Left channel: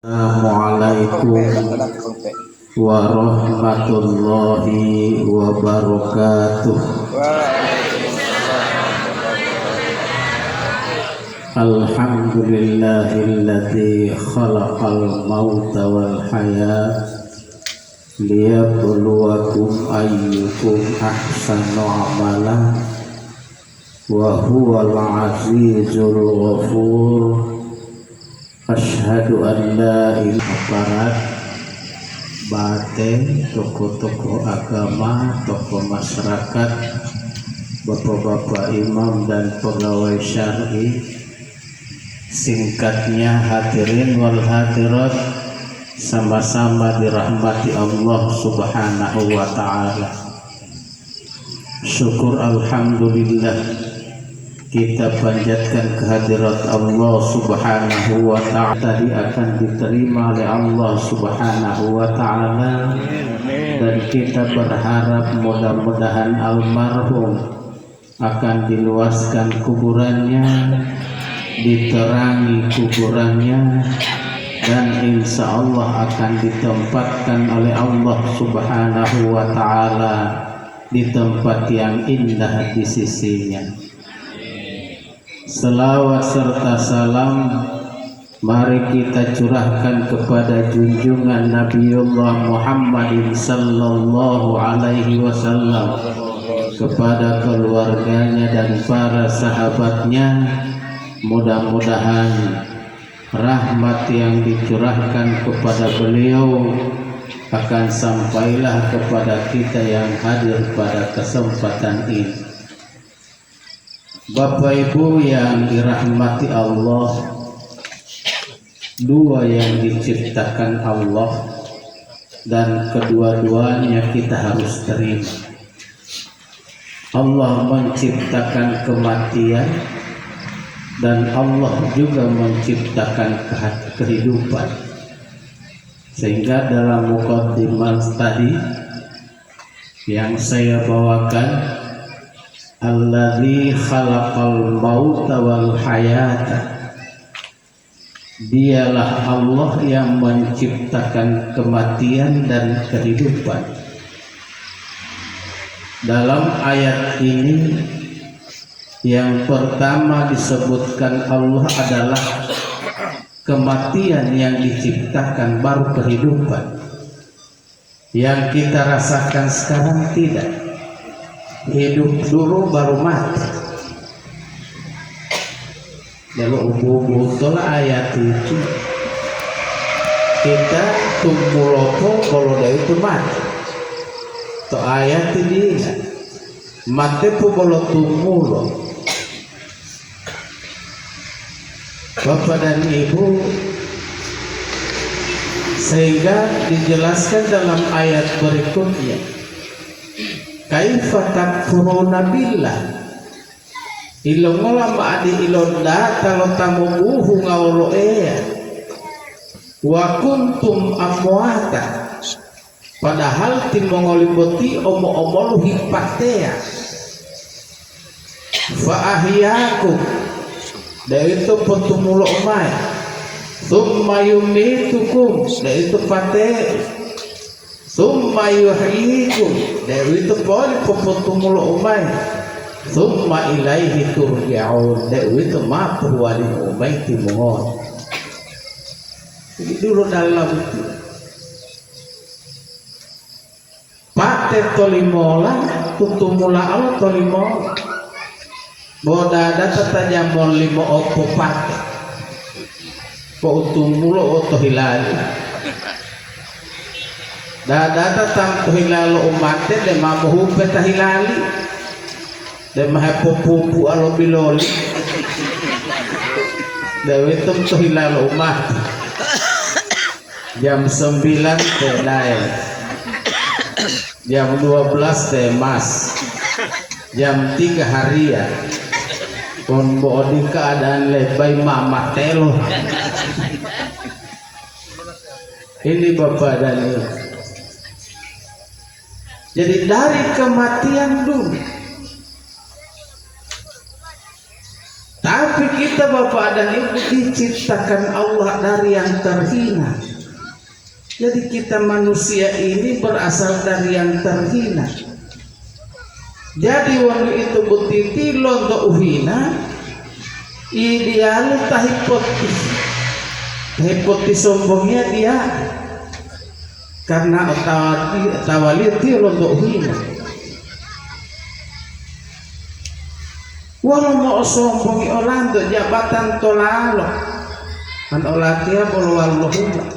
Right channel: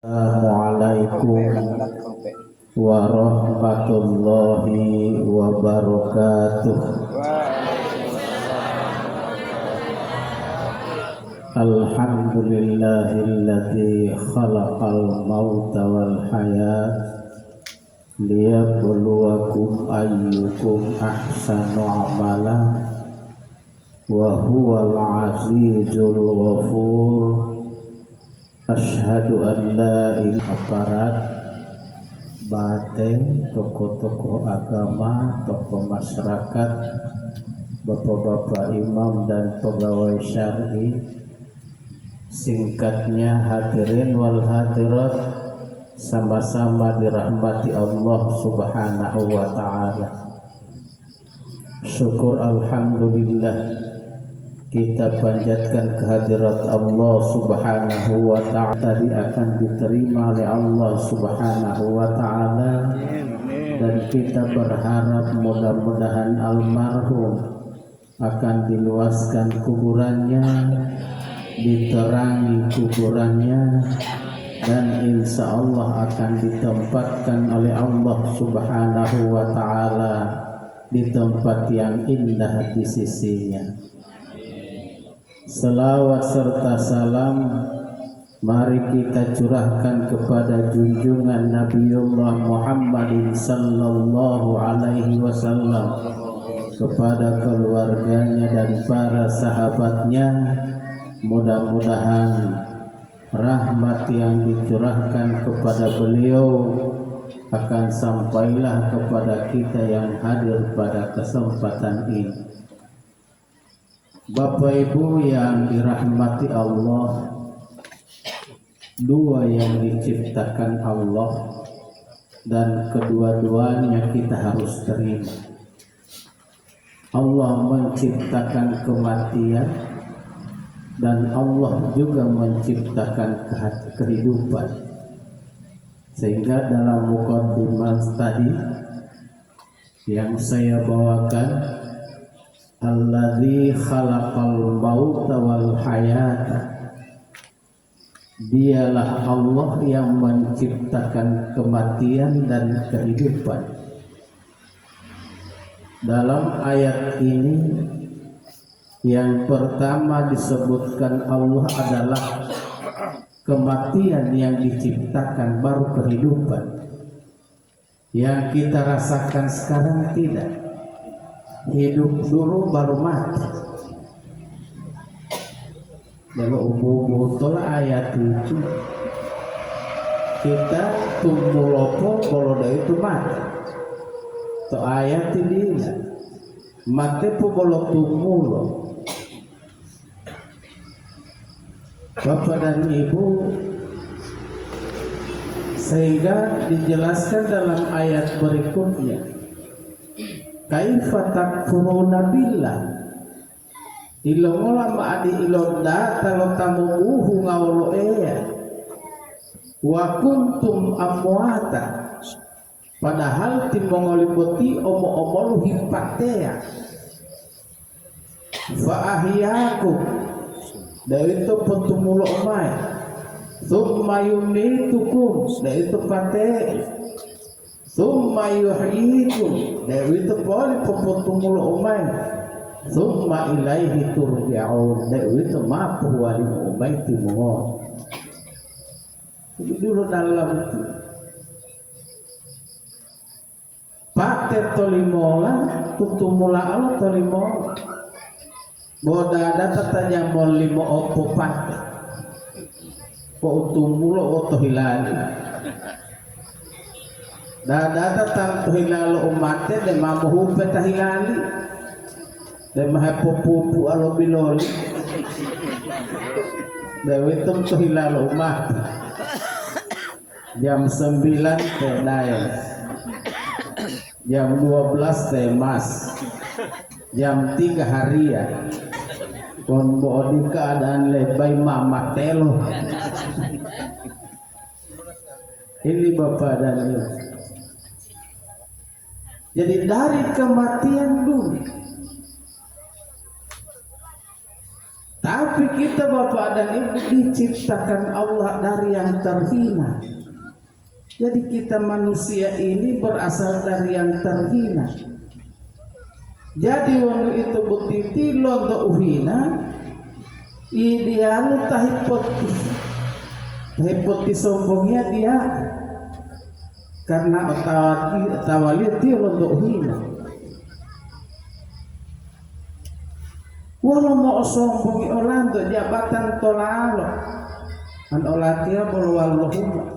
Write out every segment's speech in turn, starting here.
Assalamualaikum warahmatullahi wabarakatuh. Alhamdulillahilladzi khalaqal mauta wal hayat liyabluwakum ayyukum ahsanu amala wa huwal azizul ghafur. Asyhadu an la ilaha bate tokoh-tokoh agama, tokoh masyarakat, bapak-bapak imam dan pegawai syar'i, singkatnya hadirin wal hadirat, sama-sama dirahmati Allah Subhanahu wa ta'ala. Syukur alhamdulillah kita panjatkan kehadirat Allah Subhanahu wa ta'ala, tadi akan diterima oleh Allah Subhanahu wa ta'ala, dan kita berharap mudah-mudahan almarhum akan diluaskan kuburannya, diterangi kuburannya, dan insya Allah akan ditempatkan oleh Allah Subhanahu wa ta'ala di tempat yang indah di sisinya. Selawat serta salam mari kita curahkan kepada junjungan Nabiullah Muhammad sallallahu alaihi wasallam, kepada keluarganya dan para sahabatnya. Mudah-mudahan rahmat yang dicurahkan kepada beliau akan sampailah kepada kita yang hadir pada kesempatan ini. Bapak Ibu yang dirahmati Allah, dua yang diciptakan Allah dan kedua-duanya kita harus terima. Allah menciptakan kematian dan Allah juga menciptakan kehidupan. Sehingga dalam muqaddimah tadi yang saya bawakan, alladzi khalaqal mauta wal hayata, dialah Allah yang menciptakan kematian dan kehidupan. Dalam ayat ini yang pertama disebutkan Allah adalah kematian yang diciptakan, baru kehidupan. Yang kita rasakan sekarang tidak. Hidup dulu baru mati. Kalau betul ayat itu kita tumbuh lopo kalau dari itu mati. To ayat ini mati pun kalau tumbuh loh. Bapak dan Ibu, sehingga dijelaskan dalam ayat berikutnya, kaifa takfuruna billah ilongola ma'adi ilonda talo tamubuhu ngawlo ea wa kuntum amwata, padahal timongoliboti omo-omolu hipatea fa ahyakum, dari itu petumulo omai thumma yumitukum, dari itu pate summa yuhyikum, dari itu boleh pemotumulo umay, summa ilaihi turja'un, dari itu mampu wali umay timohon. Jadi dulu dalam itu pate tolimola kutumula Allah tolimola boda data tanyamon limo opo pate po utumulo oto hilali dada tam hilalo umate de mamuhu peta hilali de mahapupu alo biloli de witum to hilalo umate jam 9 teh lain, jam 12 teh mas, jam 3 harian pon bodi keadaan lebay mama telo. Ini Bapak dan Ibu. Jadi dari kematian dulu Tapi kita Bapak dan Ibu diciptakan Allah dari yang terhina. Jadi kita manusia ini berasal dari yang terhina. Jadi waktu itu butiti lonto uhina ideal tahipotis sombongnya dia karena tawalir dia lonto uhina. Walau mau sombongi orang tuh jabatan tolalo an olatia puluhan lohula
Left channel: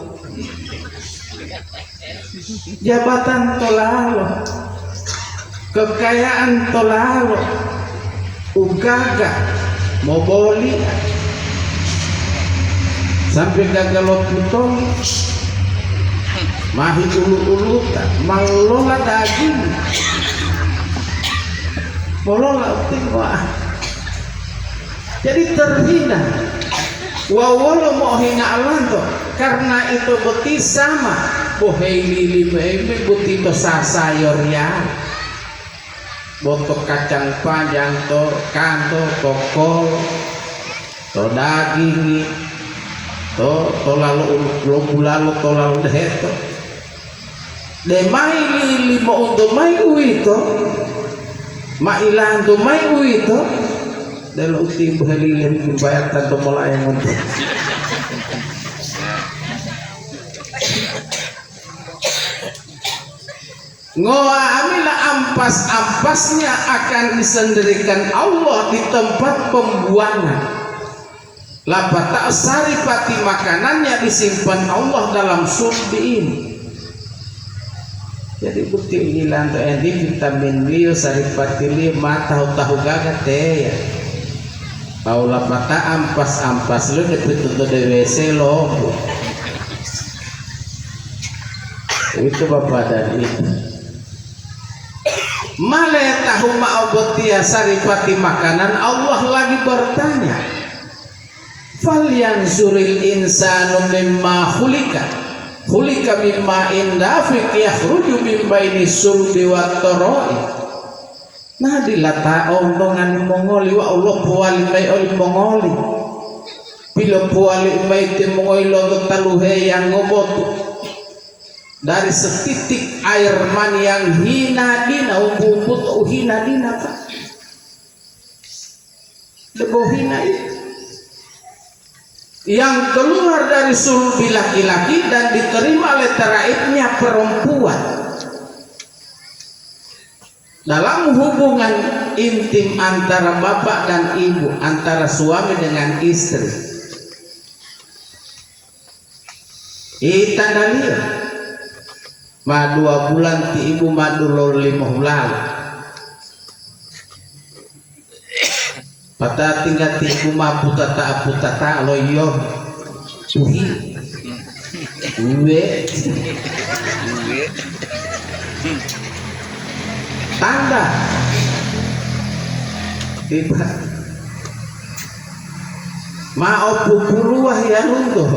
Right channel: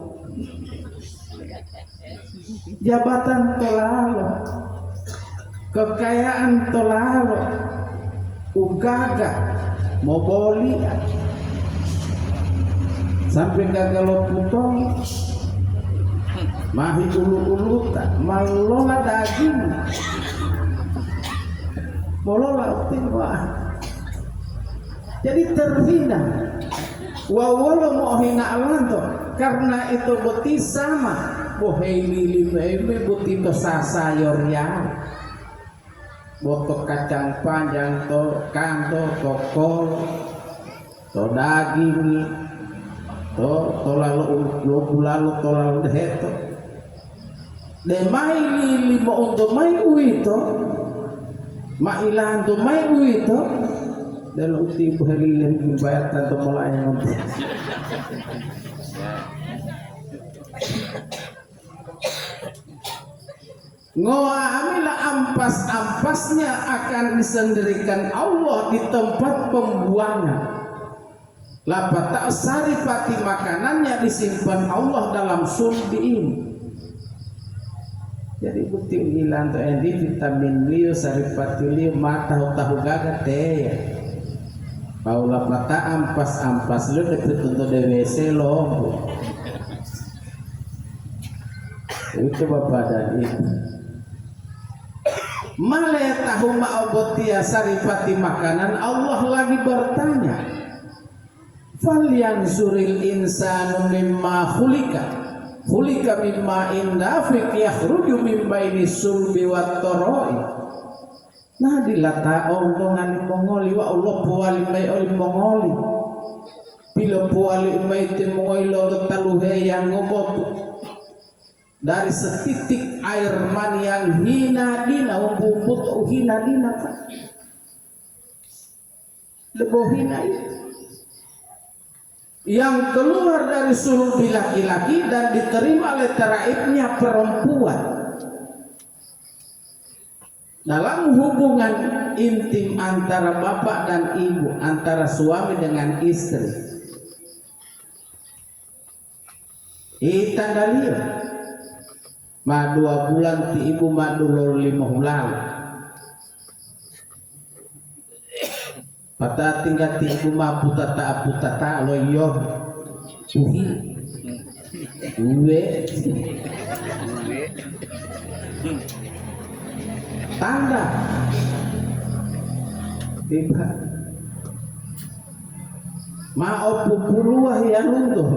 jabatan tolalo kekayaan tolalo ugaga moboli sampai gagal putong mahi ulu-ulutan malola daging malola tinggal. Jadi terhina. Walau mau hina Allah tuh, karena itu beti sama. Bohei lili beti to sasayor ya. Botok kacang panjang to kanto kokol to daging to lalu to lalu deheto. Demai lili mau untuk mai uito, mailan to mai uito. Dalam uti berhalilim bayar tanpa mulai ngomong. Ngoamila ampas-ampasnya akan disendirikan Allah di tempat pembuangan. Lapa tak saripati makanannya disimpan Allah dalam sulbi ini. Jadi bukti hilang ini vitamin B, saripati lima tahu gagat teh ya. Paula mata ampas lo dapet untuk DWC lo. Itu Bapak dan Ibu. Male tahu ma'obotia saripati makanan Allah lagi bertanya. Falyanzuril insanu mimma khulika. Khulika mimma indafiq yakhruju min baini sulbi wat tara'i. Nah dilata ontongan mongoli wa Allah puali mai oli mongoli pilo puali mai te mongoli lo taluhe yang ngobotu dari setitik air mani yang hina dina umput hina dina Pak lebo hina itu yang keluar dari sulbi laki-laki dan diterima oleh teraibnya perempuan. Dalam hubungan intim antara bapak dan ibu, antara suami dengan istri, tanda lihat ma 2 bulan ti ibu madu lol 5 bulan pata tinggal ti ibu ma putata loyo uhi uwe tanda tiba maopu puluh ya runtuh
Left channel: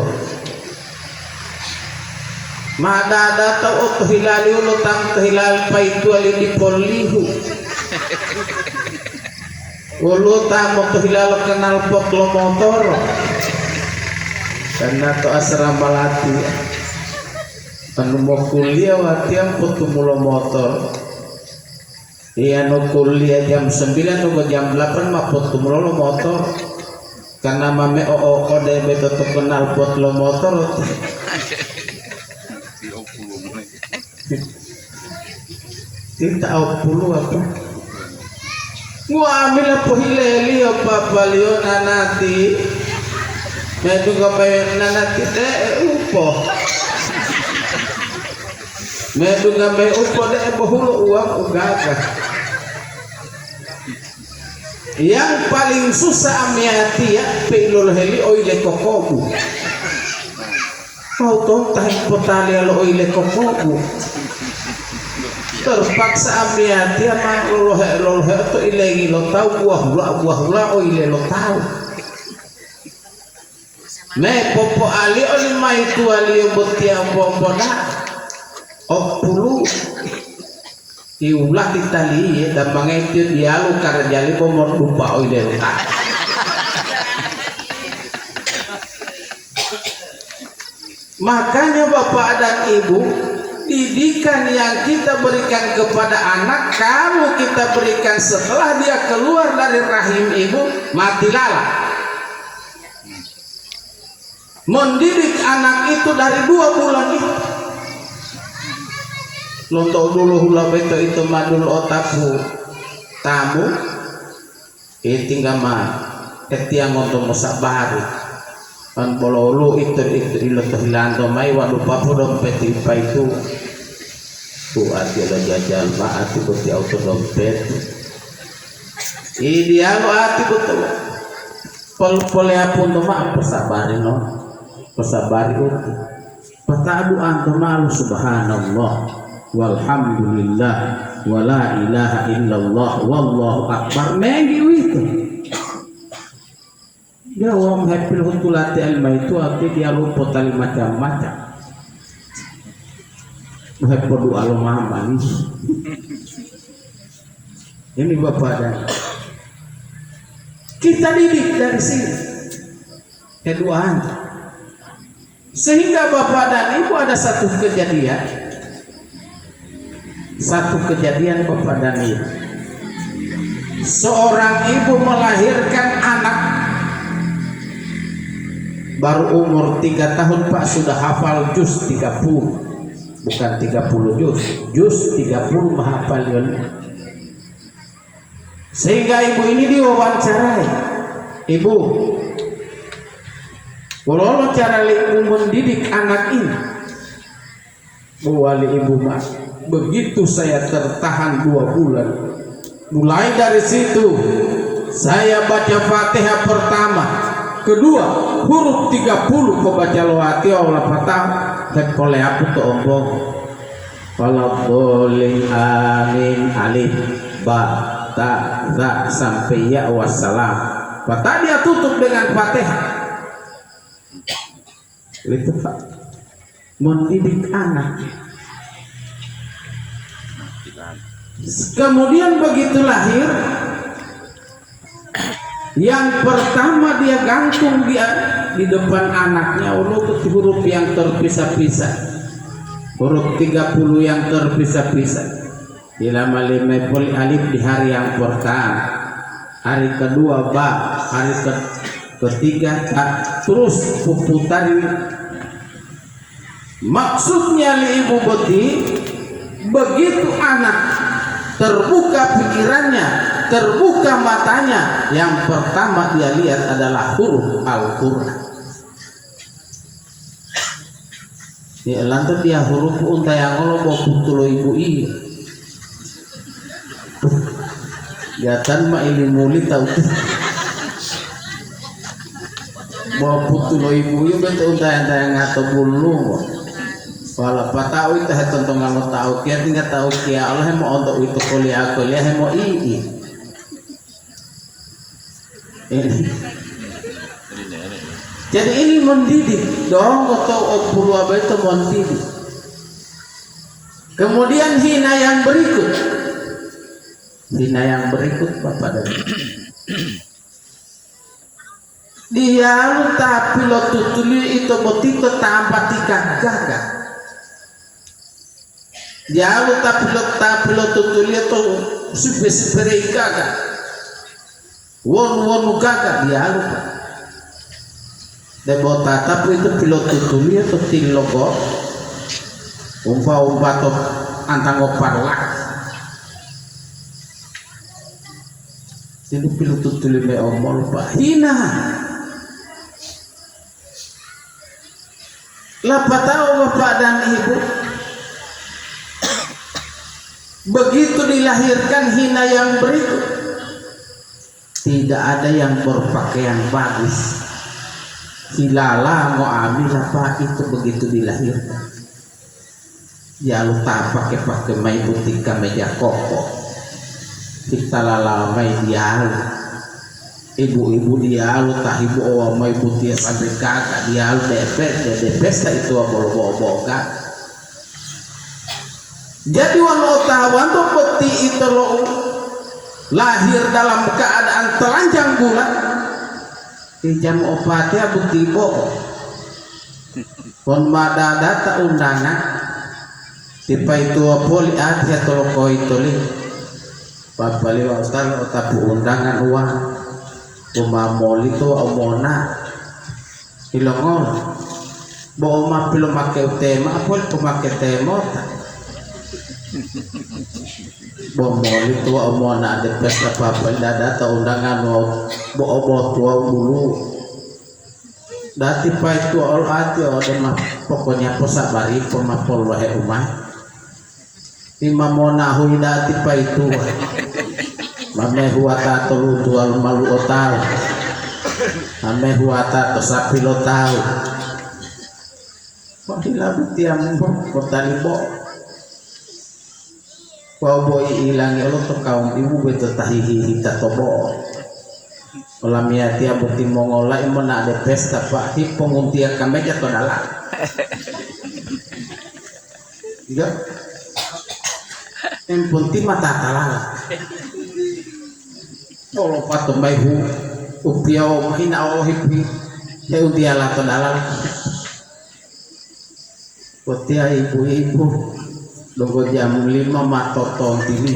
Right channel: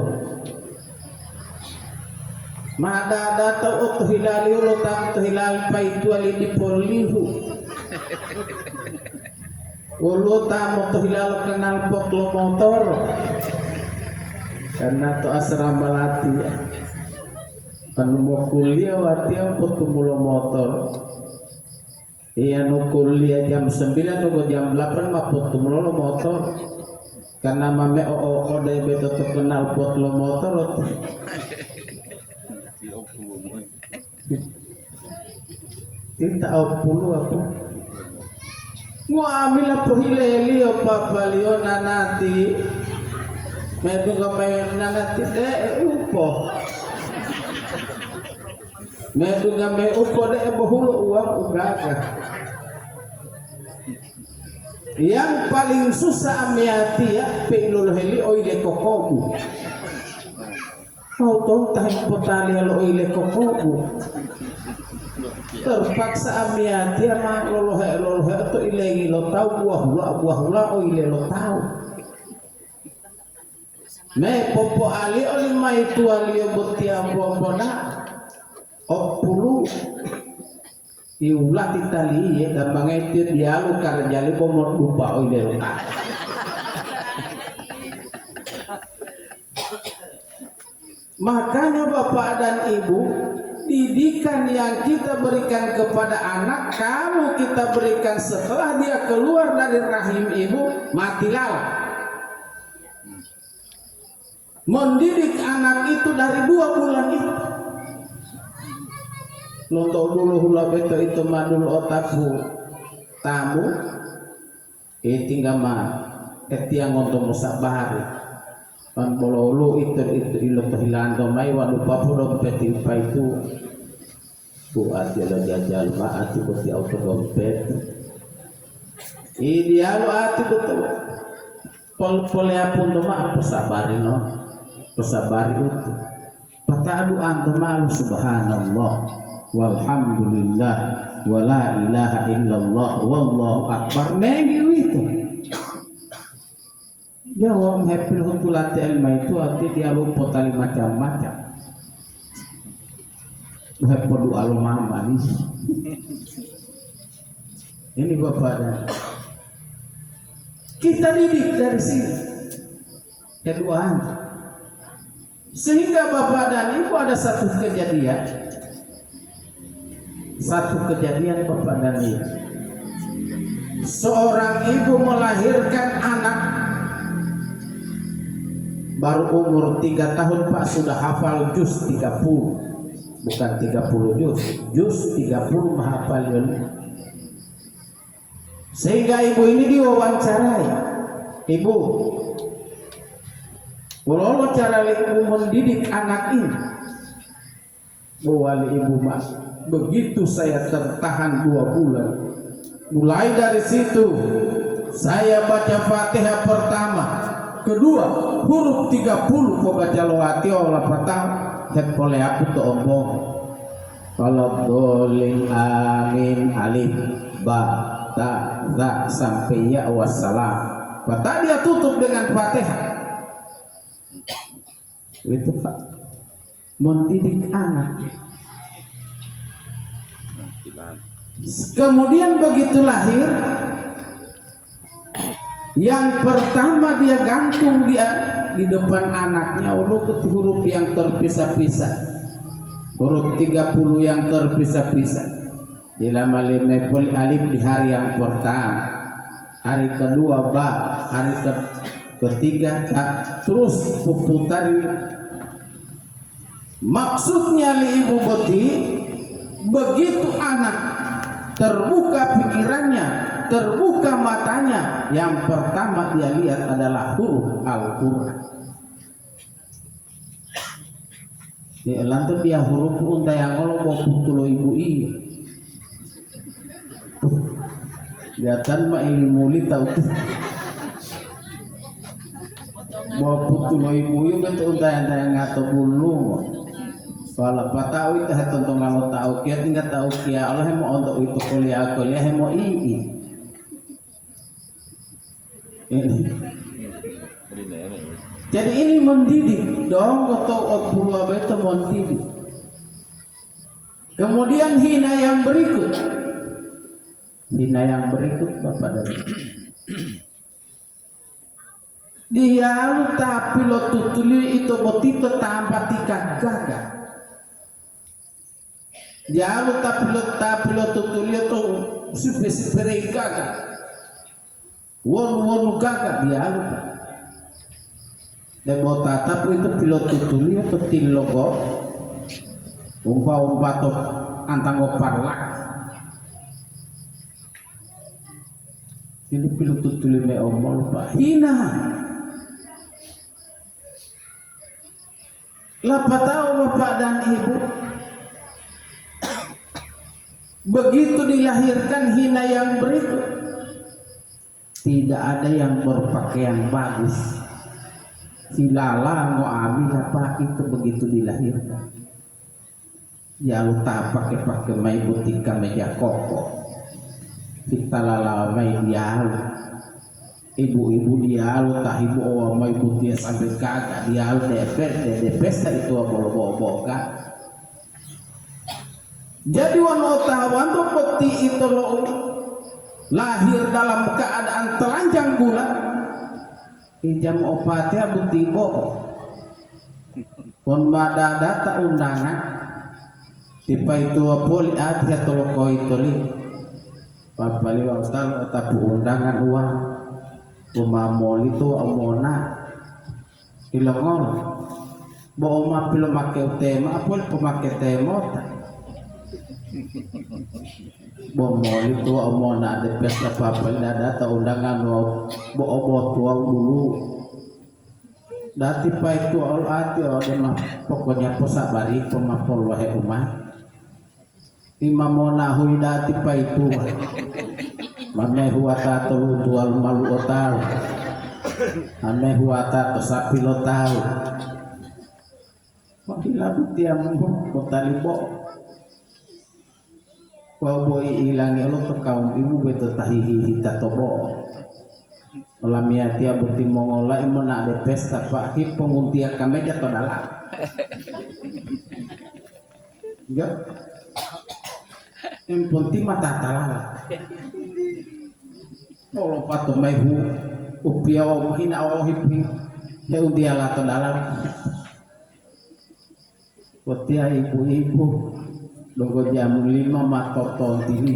madada tau hilali ulo tam hilal paitu ali di polihu ulo tam hilal kenal pot lo motor karena to asrama lati anu mau kuliah watiam putu mulo motor. Iya no kuliah jam 9 no jam 8 mah pot lo motor karena mame kode beto kenal pot lo motor tidak puluh apa ambil apa hileli apa balio nanati metu kapayon nanati teh upo metu gambe upo deh bahulu uang ugaga. Yang paling susah amiati ya pilul heli oile kokobu. Kau tong tahin potali lo oile kokobu. Terpaksa amiati ama lolohe atau ilegi lo tahu buah hula oile lo tahu. Me popo ali oli mai tu ali botia bombona. Opulu diulah ditali dan mengedit dia lu karena jali pomor lupa oi delta Makanya Bapak dan Ibu, didikan yang kita berikan kepada anak, kalau kita berikan setelah dia keluar dari rahim ibu, mati lala. Mendidik anak itu dari 2 bulan itu. Lontok dulu hula beto itu madul otakku tamu, tinggal mah ketiang untuk musak baru. Kan bololu itu ilotoh hilando mai waduh papu dompet ipa itu buat dia jajan maat ikut di auto dompet ideal ati betul pol pun maaf pesabari no pesabari itu patadu antu malu subhanallah walhamdulillah wala ilaha illallah wallahu akbar mengiu itu. Dia orang happy untuk latih ilmu itu arti dia lupa tali macam-macam. Happy doa lo manis. Ini Bapak dan kita didik dari sini. Keduaan. Sehingga Bapak dan Ibu ada satu kejadian Bapak dan Ibu. Seorang ibu melahirkan anak baru umur 3 tahun Pak sudah hafal juz 30, bukan 30 juz 30 menghafal yon. Sehingga ibu ini diwawancarai, ibu boleh cara ibu mendidik anak ini. Wali ibu mas, begitu saya tertahan 2 bulan, mulai dari situ saya baca Fatihah pertama, kedua huruf 30 kau baca lawati Allah pertama dan boleh aku tuh ombong kalau boleh amin alif ba ta za sampai ya wassalam. Maka dia tutup dengan Fatihah. Itu Pak, mendidik anak. Kemudian begitu lahir, yang pertama dia gantung dia di depan anaknya huruf yang terpisah-pisah, huruf 30 yang terpisah-pisah. Dilama limepul alif di hari yang pertama, hari kedua ba, hari ketiga ba, terus puputar. Maksudnya li ibu boti, begitu anak terbuka pikirannya, terbuka matanya, yang pertama dia lihat adalah huruf Al-Quran. Dia lantas dia huruf unta yang Allah bawa putulo ibu ini. Gatan ma ilmu li tahu. Bawa putulo ibu ini betul unta yang ngato bulu. Walau patau itu tentang kalau tahu kia tinggal tahu kia Allah mau untuk itu kuliah mau ini. Jadi ini mendidik dong atau opulu apa itu mendidik. Kemudian hina yang berikut Bapak dan Ibu. Dia lu tapi lo tutuli itu botito tanpa tiga gagak. Dia lu tapi lo tutuli itu super gagak. Won gagak dia lu. Debota tapi itu pilot tutuli itu tilogo. Umpa to antang oparlak. Jadi pilot tutuli me omol lupa hina. Lapa tahu Bapak dan Ibu, begitu dilahirkan hina yang berikut, tidak ada yang berpakaian bagus. Hilala mau ambil apa itu begitu dilahirkan. Ya lupa pakai mai putih meja koko. Kita lalamai dia. Ibu-ibu dia lu tah ibu awal mai putih sampai kakak dia lu depes itu boga. Jadi walau tawan tuh peti itu lo lahir dalam keadaan telanjang bulan di jam obatnya bukti bohong pon madadata undangan tipai tua poli ati atau koi toli papali wasal otapu undangan uang umamoli to omona ilongol bo oma pilo make tema apol pemake tema bo moli tua omona ada pesta papali dada atau undangan bo obo tua dulu dati pai tua ol ati mah pokoknya posabari pemapol wae umah Ima mona hui dati pai tua mame huata tolu tua malu otau mame huata to sapi lo tau mahila butiam kotani bo kau boy ilangi lo to kaum ibu beto tahihi hita tobo olamia tia bukti mongola imona ada pesta pak hi penguntia kameja to dalam iya yang penting mata talala kalau patung bayu upio mahina Allah hipi ya utia lato dalal kotia ibu-ibu logo jam 5 matotong tini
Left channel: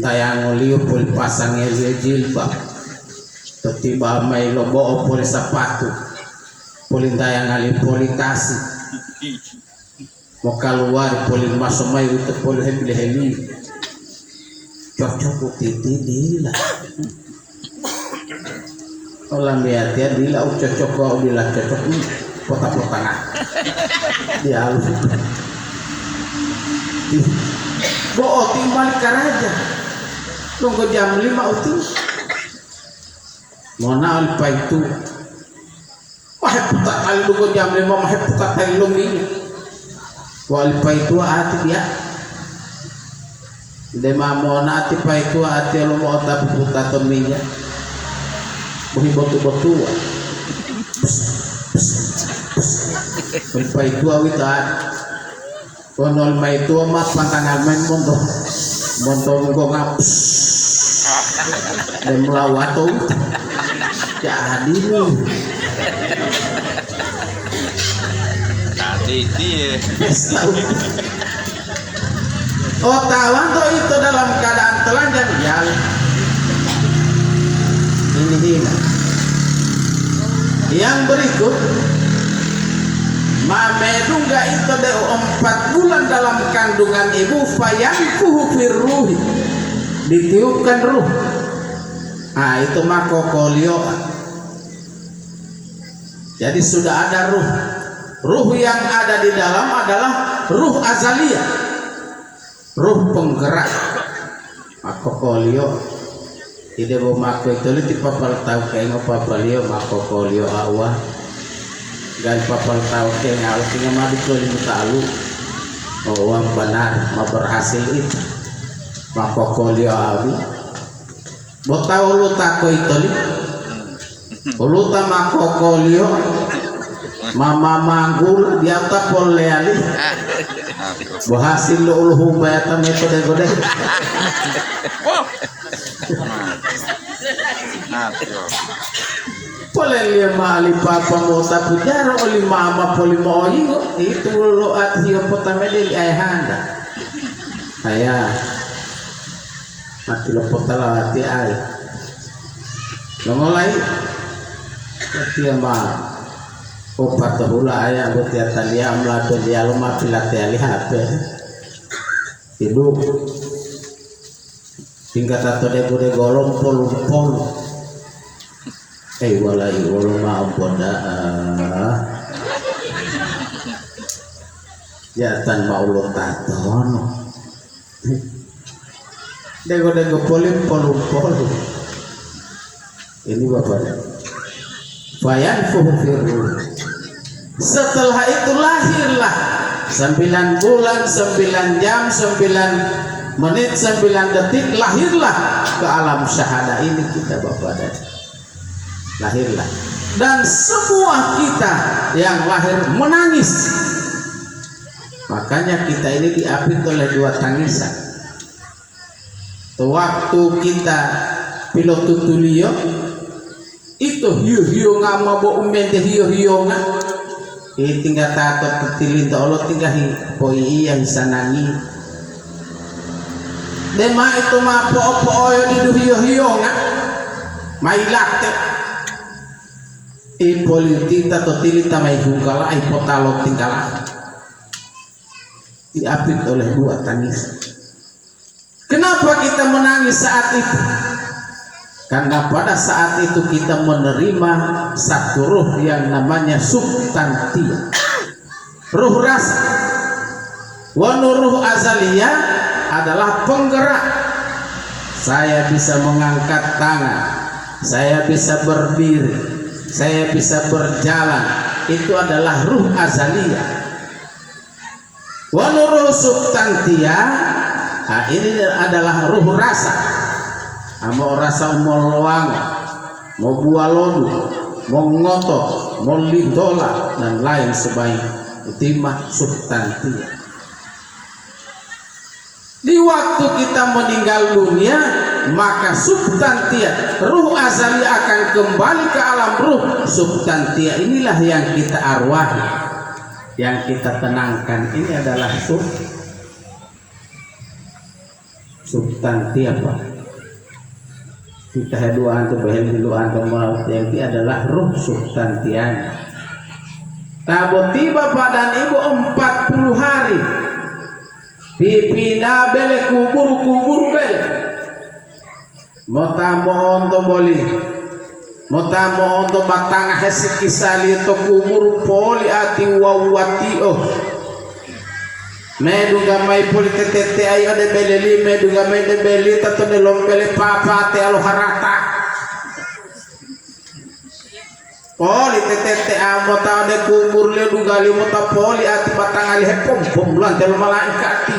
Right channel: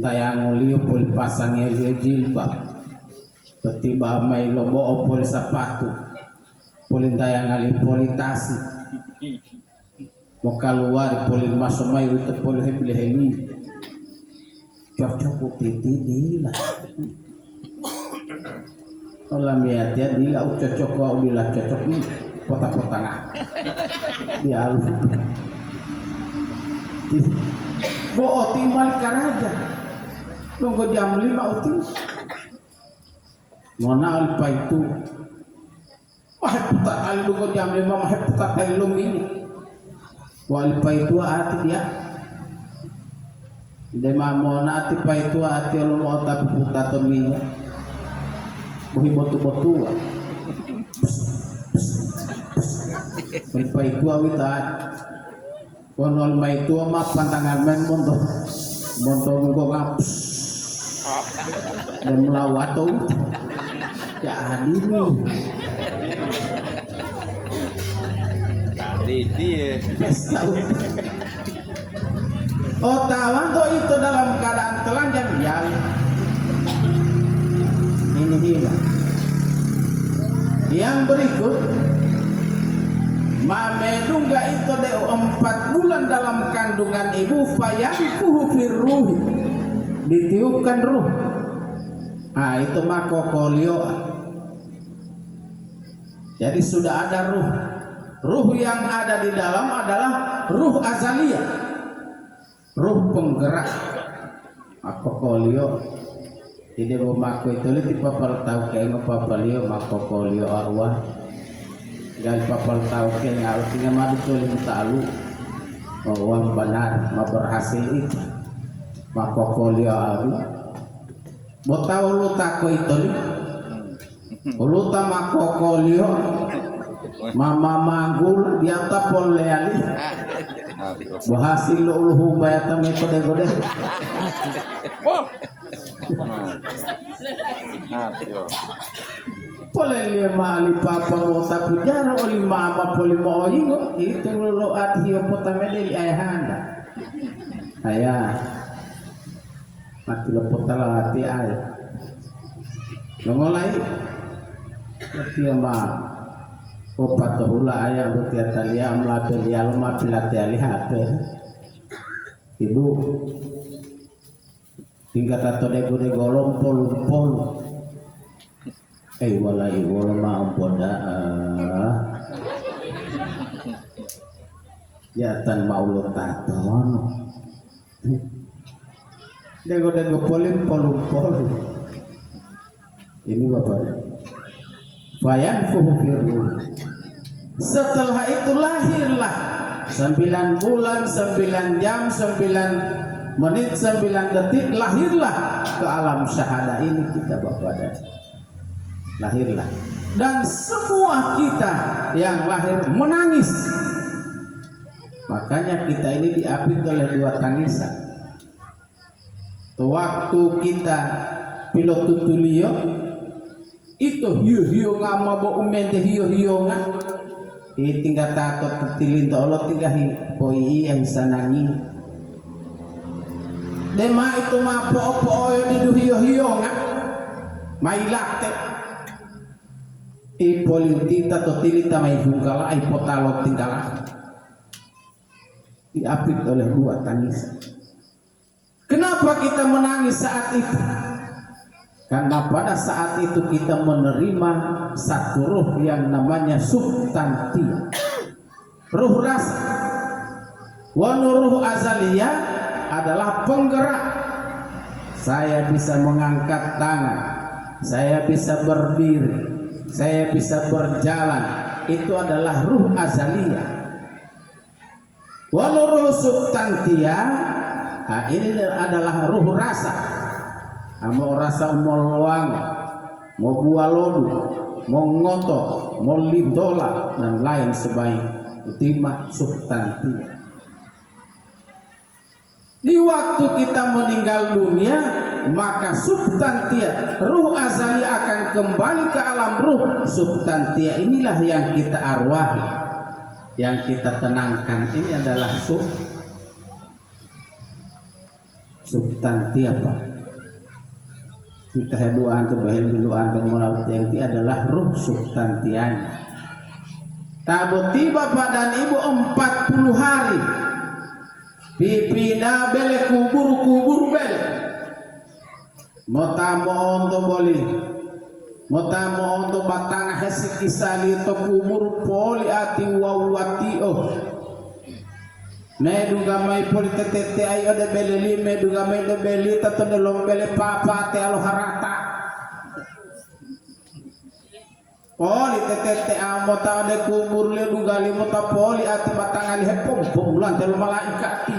tayang liu pul pasangnya jilbab tiba mai lobo pul sepatu pulin tayang ali puli kasih mau keluar polin masuk mai untuk polin heli cocok titi dila kalau lihat dia dila cocok kau dila cocok potong-potongan dia halus boh timbal karaja tunggu jam 5 uti mona alpa itu wah putar kali tunggu jam 5 mah putar kali ini wal paitu ati dia dema mona ati paitu ati lo mo ta puta to minya bohi botu wal paitu awita konol mai tu mas pantangan main monto ko ngap dan melawato jadi ni oh tawan tuh itu dalam keadaan telanjang ya ini hina yang berikut mamedungga itu de 4 bulan dalam kandungan ibu fayanfuhu firruhi ditiupkan ruh itu makokolio jadi sudah ada ruh yang ada di dalam adalah ruh azaliyah, ruh penggerak. Makokolio, tidak mau mako itu di papal tahu kayak ngopapalio makokolio awan, dan papal tahu kayak ngalu tinggal madu tuh tahu, bahwa benar mau berhasil itu makokolio awi. Botau lu tako itu lu tak makokolio. Mama manggul dia tak boleh ali berhasil lo hubaya metode gode boleh lima ali papa mau tak pujar oli mama poli mau itu lo atio potame dari ayahanda ayah mati lo potala hati ayah lo mulai dia mah opat hula ayah buat ya talia melakukan dia lumah pilatih lihat hidup tingkat atau dego golong pol walai walau maaf boda jatan mau lo taton dego pol ini bapaknya fayanfuhu firruh. Setelah itu lahirlah 9 bulan, 9 jam, 9 menit, 9 detik lahirlah ke alam syahada ini kita Bapak dan lahirlah dan semua kita yang lahir menangis. Makanya kita ini diapit oleh 2 tangisan. Waktu kita pilot tutulio itu hiu-hiu ngama bo umente hiu-hiu nga tinggal tato tetilin to Allah tinggal po iya hisanangi dema itu ma po-po yo di hiu-hiu nga mai latte politika to tilita mai hungkala ai potalo tingkala diapit oleh dua tangis. Kenapa kita menangis saat itu? Karena pada saat itu kita menerima satu ruh yang namanya substantia, ruh rasa. Wanuruh azaliyah adalah penggerak. Saya bisa mengangkat tangan, saya bisa berdiri, saya bisa berjalan. Itu adalah ruh azaliyah. Wanuruh substantia, nah ini adalah ruh rasa. Mau rasa mau loang, mau bualodu, mau ngoto, mau lidola dan lain sebagainya. Itu mah substantia. Di waktu kita meninggal dunia, maka substantia, ruh azali akan kembali ke alam ruh. Substantia inilah yang kita arwahi, yang kita tenangkan. Ini adalah substantia, Pak. Kita haduan atau bahan haduan atau yang itu adalah ruh substantianya. Tabut tiba badan ibu 40 hari. Pipina bele kubur bele. Motamo onto boli. Motamo onto batang hesik kisali to kubur poli ati wawati oh. Medunga mai politete ayo de beleli medunga mai de beli tato de lompele papa te alo harata politete amo ta de kubur le dunga li mota poli ati batang ali hepom pom lan tel malaikati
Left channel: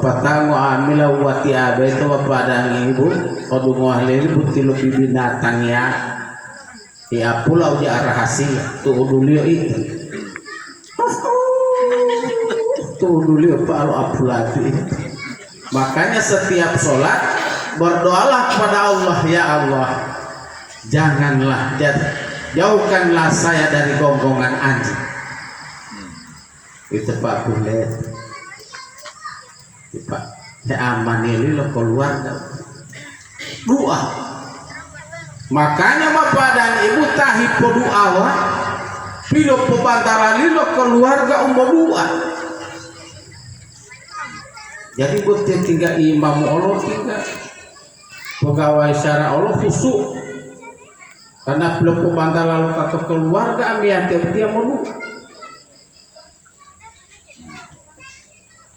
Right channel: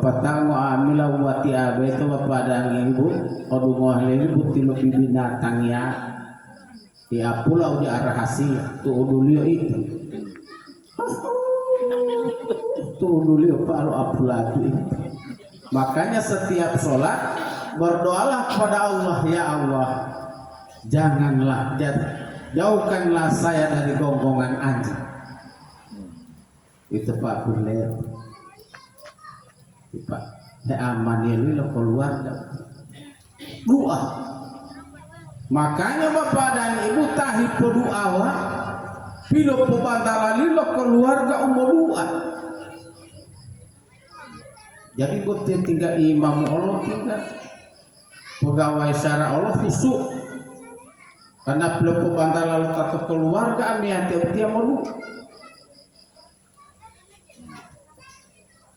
patango amila wati abe to padang ibu odungo ahli buti lo binatang ya pulau di rahasia tuh dulu itu tuh dulu Pak Abdulati. Makanya setiap sholat berdoalah kepada Allah, ya Allah, janganlah jauhkanlah saya dari gonggongan anjing. Itu Pak Bulet, Pak, ya aman ini lo keluarga. Doa. Makanya bapak dan ibu tahipo doa. Pilo pembantara lilo keluarga umur doa. Jadi buat tinggal imam Allah tinggal pegawai syara Allah khusyuk karena belum pembantara lalu kata keluarga ambil dia mau.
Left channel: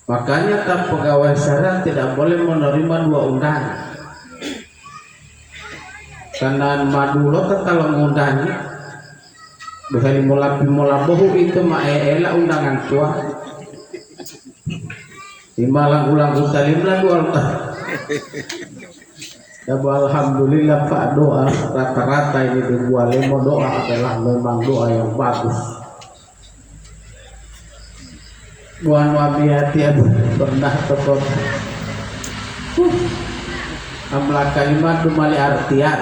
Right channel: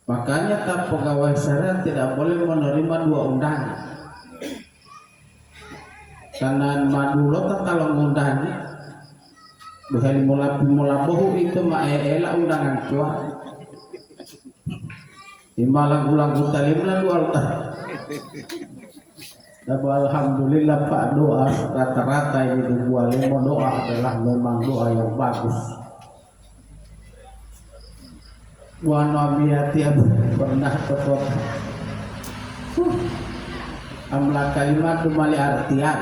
Makanya tak pegawai syara tidak boleh menerima dua undangan karena madulo kalau mengundangi bukan mula bohu itu maela undangan tua di Malang ulang talim lah dua alhamdulillah Pak doa rata-rata ini dibuat lemo doa adalah memang doa yang bagus. Buan wabi hati pernah tekot amla kalimat dumali artian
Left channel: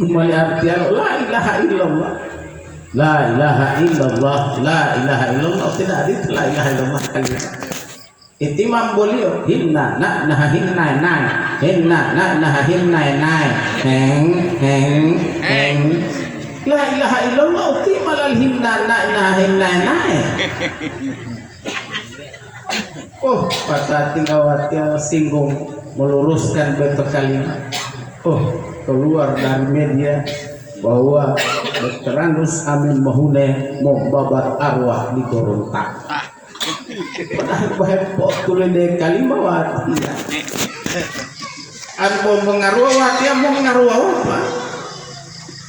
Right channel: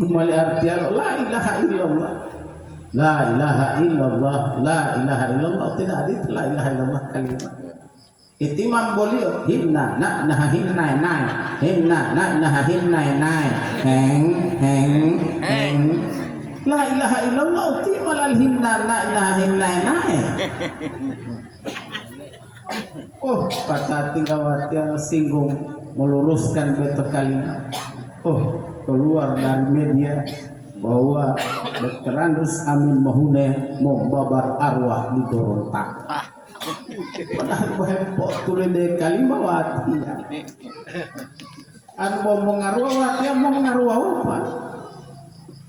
dumali artian la ilaha illallah la ilaha illallah la ilaha illallah tidak ada la ilaha illallah kalimat itimam bolio hinna na nah hinna nai hinna na nah hinna nai heng la ilaha illallah timalal hinna na nah hinna nai. Oh, pada tinggal yang singgung meluruskan bentuk kalimat. Oh, keluar dari media bahwa Dr. Andus Amin Mahune mau babat arwah di Gorontak. Padahal bahwa tulis dari kalimat wati. Ada mengaruh wati, mau mengaruh apa?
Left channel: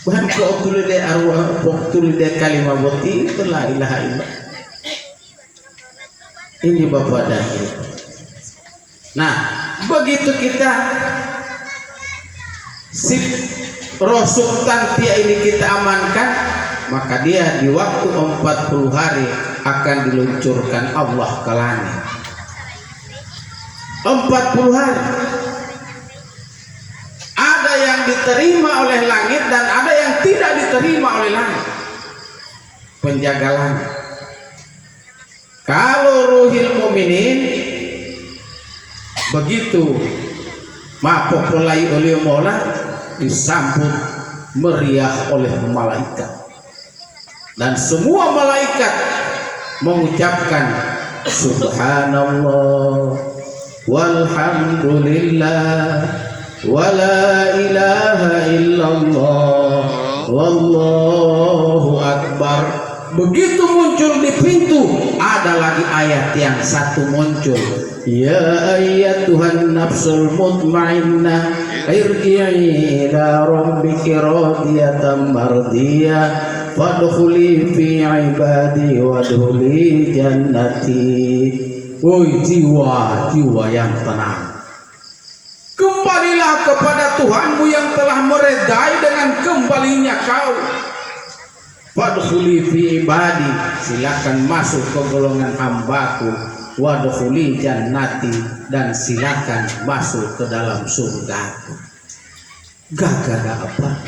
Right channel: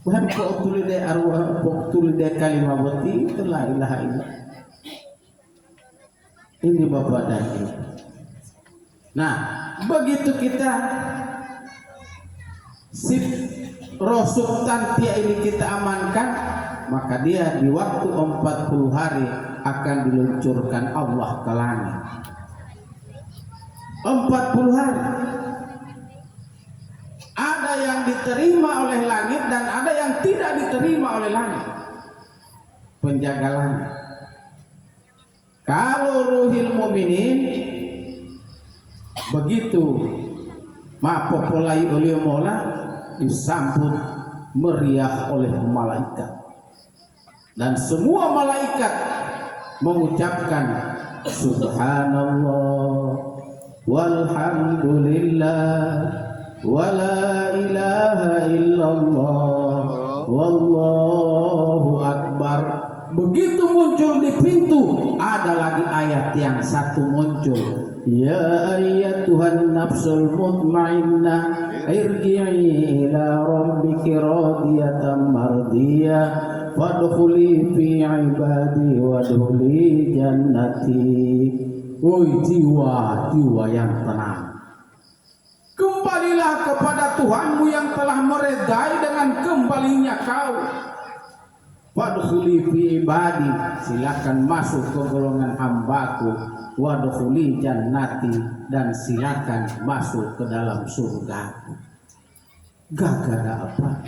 Bahwa tulis dari arwah, tulis dari kalimat wati itu la ilaha illallah. Ini Bapak dan Ibu. Nah, begitu kita si roh substantia ini kita amankan, maka dia di waktu 40 hari akan diluncurkan Allah ke langit. 40 hari. Ada yang diterima oleh langit dan ada yang tidak diterima oleh langit. Penjaga langit. Kalau ruhil mukminin begitu mapopulai oleh Mola disambut meriah oleh malaikat, dan semua malaikat mengucapkan subhanallah walhamdulillah wala ilaha illallah wallahu akbar. Begitu muncul di pintu, ada lagi ayat yang satu muncul, ya ayyatuhan nafsul mutmainnah irji'i ila rabbiki radiyatan mardiyah fadkhuli fi ibadi wadkhuli jannati. Woi jiwa yang tenang, kembalilah kepada Tuhanmu yang telah meredai dengan kembalinya kau. Wadkhuli fi ibadi, silakan masuk ke golongan hambaku. Wadkhuli jannati, dan silakan masuk ke dalam surgaku. Gagara apa?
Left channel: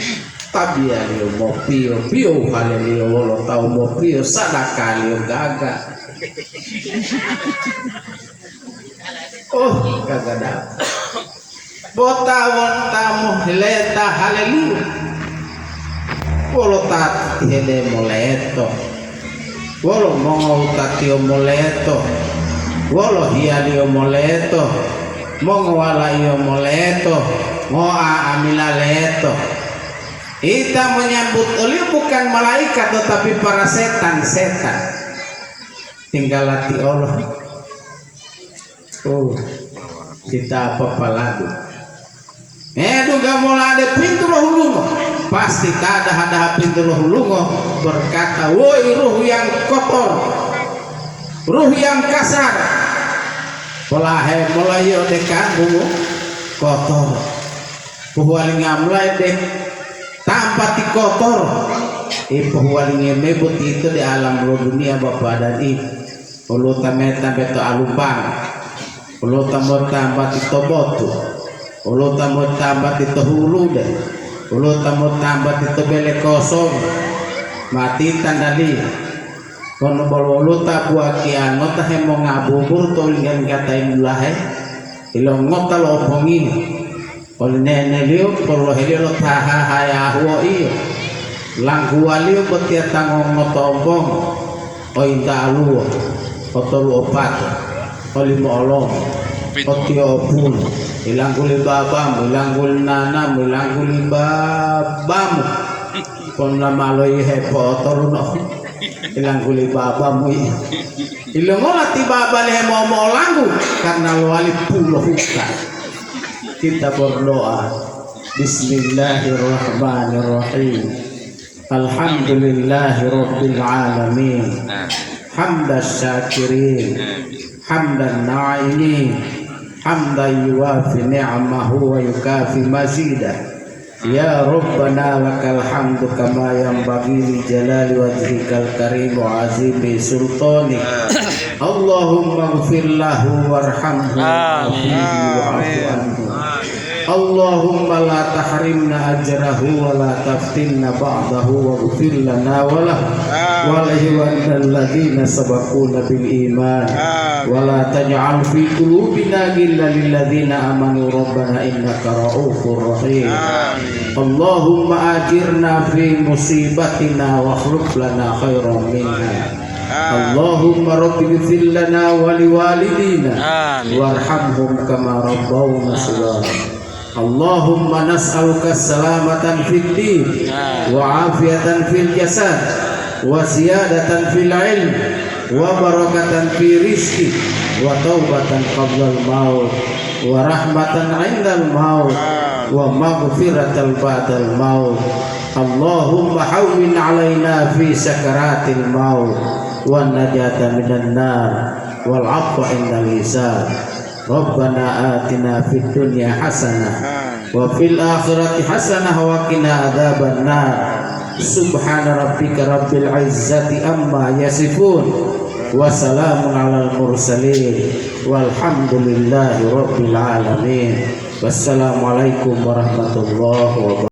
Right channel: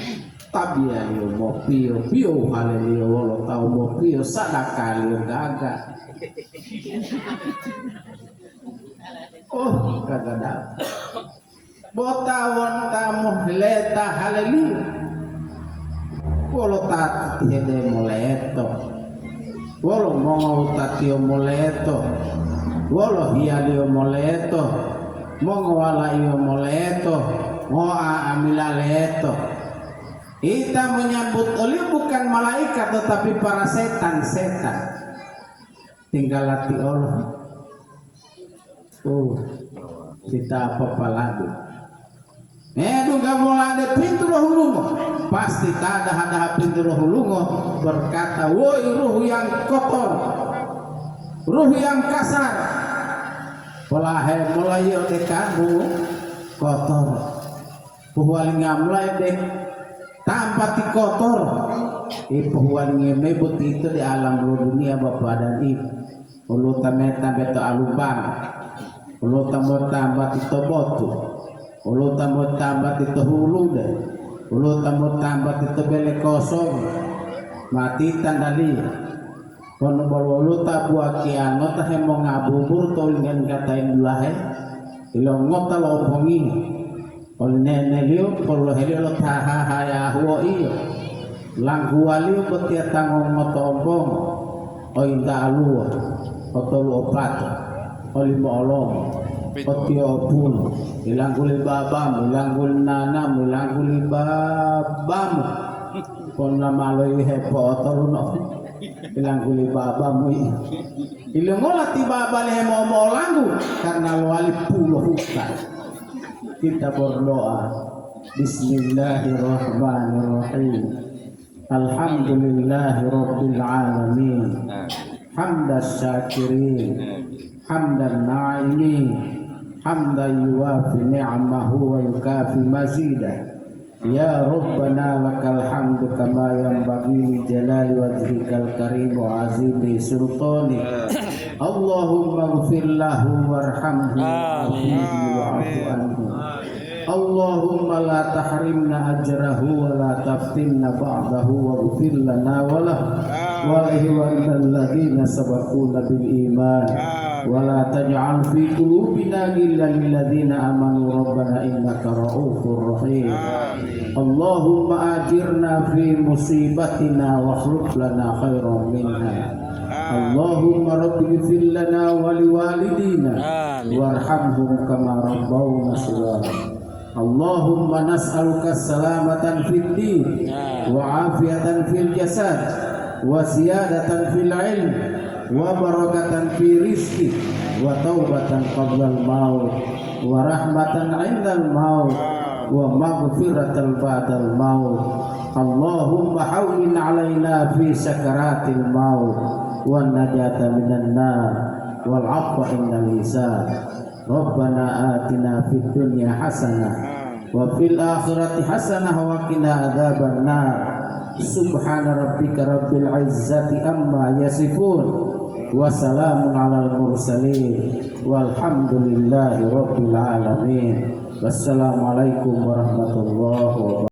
Tabia liyo mau pio halilio lo tau mau pio sadaka liyo gaga. Oh gagada. Bota wonta muhleta halilio. Wolo tati hele moleto, wolo mongo tatio moleto, wolo hialio moleto, mongo walaio moleto, moa amila leto. Kita menyambut oleh bukan malaikat tetapi para setan-setan. Tinggal latih Allah. Oh, kita apa lagi? Juga mulai ada pintu roh lungo. Pasti tak ada pintu roh lungo berkata, woi ruh yang kotor, ruh yang kasar, pelahe mulai dekan kotor, puhualinga mulai dek tanpa ti kotor. Puhualinga mebut itu di alam roh dunia bapak dan ibu. Ulu tameta beto alubang, ulu tambah ti tobotu, ulu tambah ti tohulu deh. Ulu tambah itu bele kosong mati tandali kono bolo ulu buat kiano tah mau ngabubur tulingan katain lahe ilong ngota lo pongi ol nene liu polo helio lo taha haya huo iyo langku liu betia tangong ngotombong o inta aluo otolu opat olimo olong otio opun ilang kuli babam, ilang kuli nanam, ilang kuli babam. Kon lamaloy hepo toruno, ilang kuli babam. Ilang olah tiba balik mau langgu karena luali pulau hutan. Kita berdoa. Bismillahirrahmanirrahim. Alhamdulillahirabbil alamin. Hamdas syakirin, hamdan na'imin. Hamdan yuwafi ni'amahu wa yukafi mazidah. Ya Rabbana lakal hamdu kama yanbaghi li jalali wajhikal karim wa azimi sultanik. Allahumma ighfir lahu warhamhu wa'fu anhu. Allahumma la tahrimna ajrahu wa la taftinna ba'dahu wa ighfir lana wa lahu wa lil ladzina sabaquna bil iman. ولا تجعل في قلوبنا غلا للذين آمنوا ربنا إنك رؤوف رحيم. اللهم آجرنا في مصيبتنا واخلف لنا خيرا منها. اللهم رب اغفر لنا ولوالدينا وارحمهم كما ربونا صغارا. اللهم نسألك السلامة في الدين وعافية في الجسد وزيادة في العلم وبركة في رزقي وتوبة قبل الموت ورحمة عند الموت ومغفرة بعد الموت. اللهم حول علينا في سكرات الموت والنجاة من النار والعفو عند الحساب. ربنا آتنا في الدنيا حسنة وفي الآخرة حسنة وقنا عذاب النار. سبحان ربك رب العزة أما يصفون Wassalamun alal mursalin walhamdulillahi rabbil alamin. Wassalamualaikum warahmatullahi wabarakatuh.